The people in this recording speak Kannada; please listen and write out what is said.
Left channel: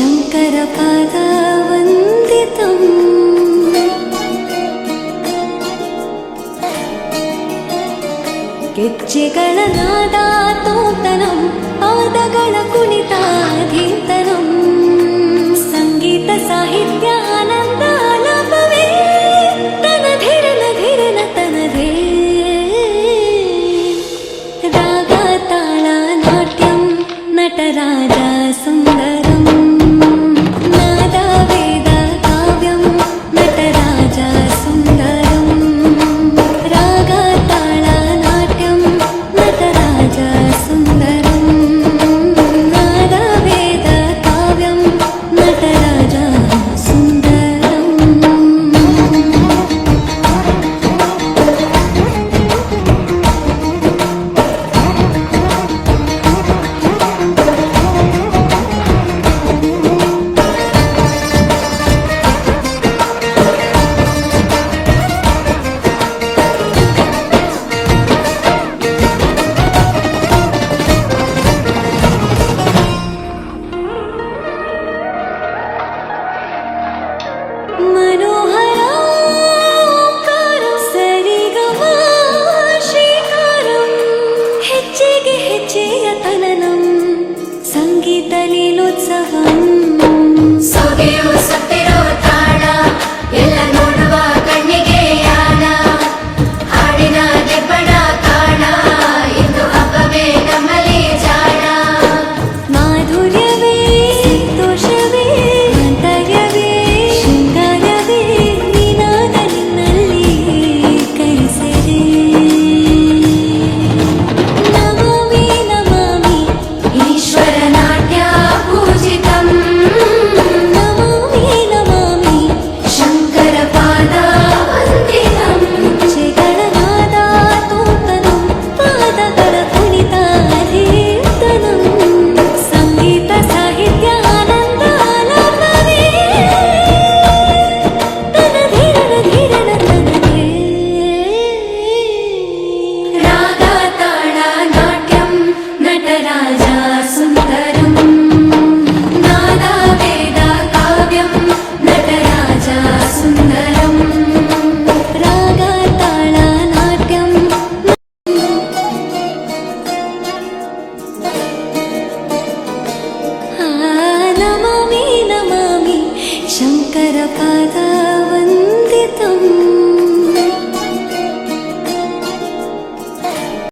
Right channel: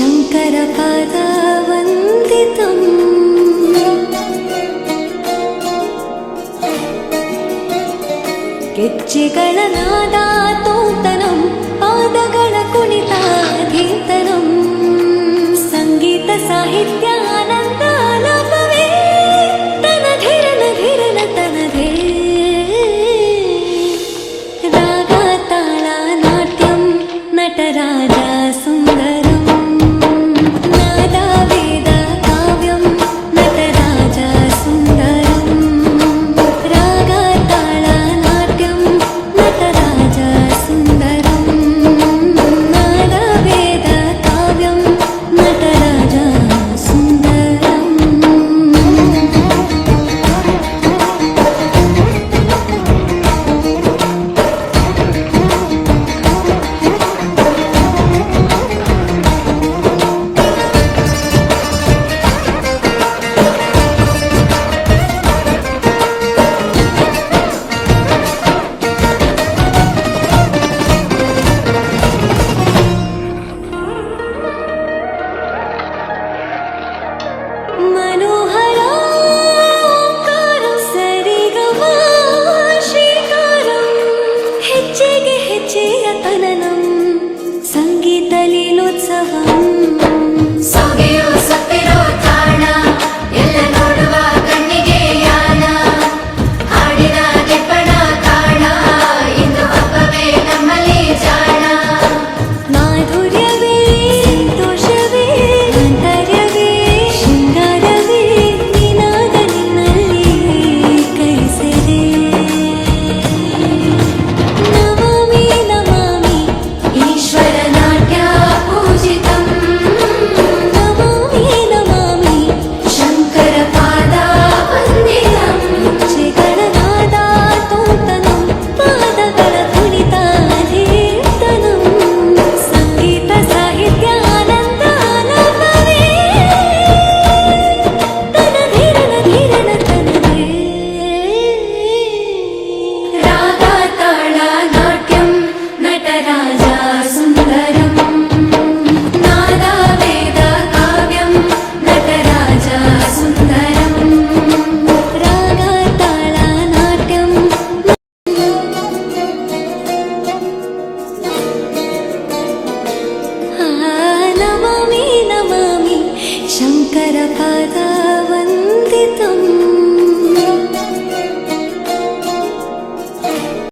शङ्करपदवन्दितम् ಗೆಜ್ಜೆಗಳ ನಾದ ತೋಂತನಂ ಪಾದಗಳ ಕುಣಿತಾಧೀಂತನಂ ಸಂಗೀತ ಸಾಹಿತ್ಯ ಆನಂದ ಆಲಾಪವೇ ತನಧಿರನ ಧಿರನ ತನಧೇ ರಾಗ ತಾಳ ನಾಟ್ಯಂ ನಟರಾಜ ಸುಂದರಂ ನಾದ ವೇದ ಕಾವ್ಯಂ ನಟರಾಜ ಸುಂದರಂ ರಾಗ ತಾಳ ನಾಟ್ಯಂ ನಟರಾಜ ಸುಂದರಂ ನಾದ ವೇದ ಕಾವ್ಯಂ ನಟರಾಜ ಸುಂದರಂ मनोहराकारं सरिगमा श्रीकारं ಹೆಜ್ಜೆಗೆ ಹೆಜ್ಜೆಯ ತನನಂ ಸಂಗೀತ ಲೀಲೋತ್ಸವಂ